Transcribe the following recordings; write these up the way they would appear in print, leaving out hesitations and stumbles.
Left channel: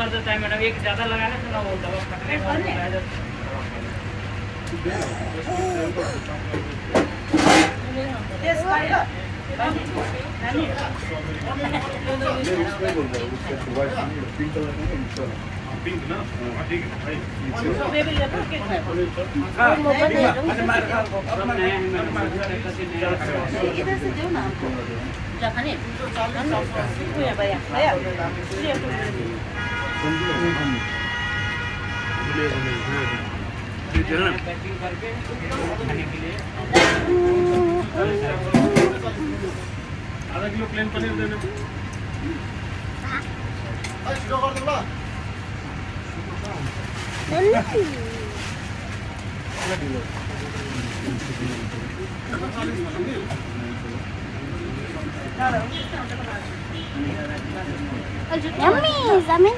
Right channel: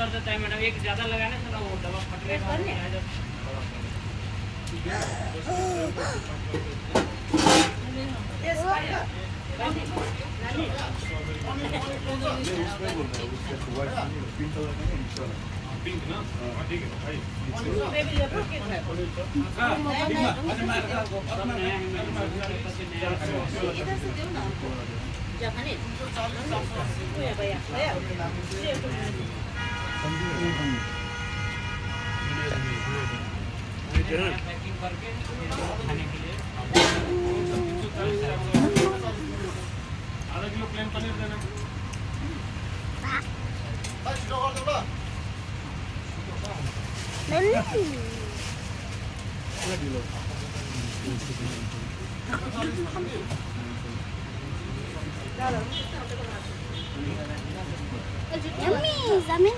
कर देता है मैडम, एक ज़्यादा लगाना तो ना वो दवा फटने का हो जाता है। पिंक ना, हाँ ठीक है भाई। इधर से दो ना हमको जाने भैया भैया पैकिंग करके खाने के लिए आधा किलो प्लेन पनीर देना। Yummy, Zamin.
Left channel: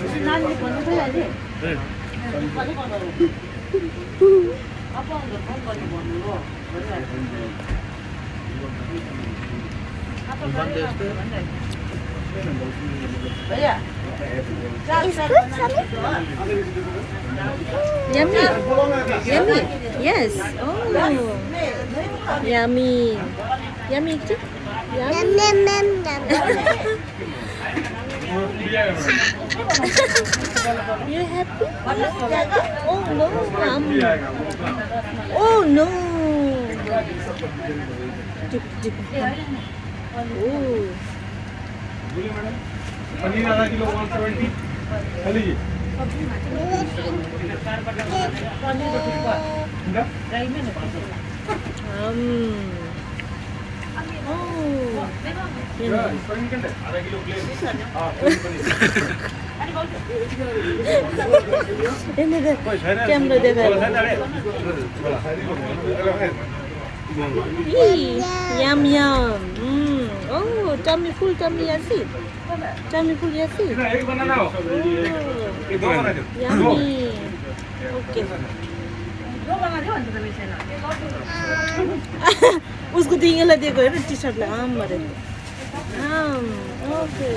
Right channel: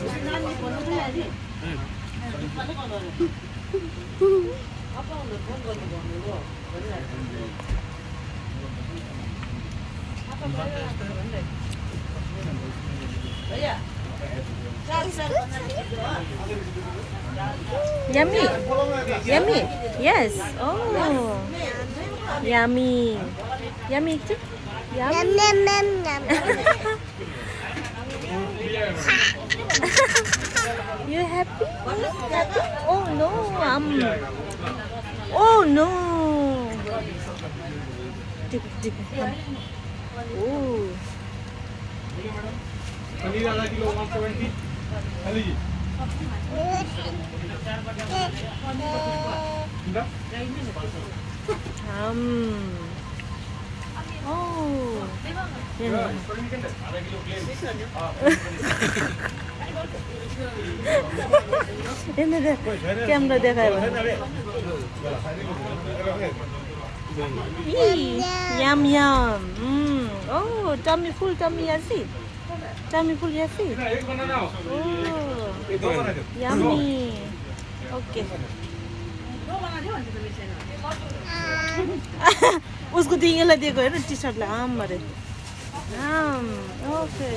It's good, Zamin. Yummy. Yummy. Yes. Oh. Yummy. Yummy too. Yum, Yummy. yum, yum, yum. You happy? Happy? Oh no. Oh no. Dip, dip. Oh. बोलिए मैडम, पनीर आधा kilo 170 खा लीजिए। Oh. Yummy. आधा kilo plane. हाँ Ini deh. Camera dekat. Yum yum. Oh, tummy full, tummy acid. Tummy full acid. एक बनाना हो। Oh, एक दो बना दो। yummy. Okay. उसको दिएला दिएको हेर टी सर्टलाई आम मरे आम ओके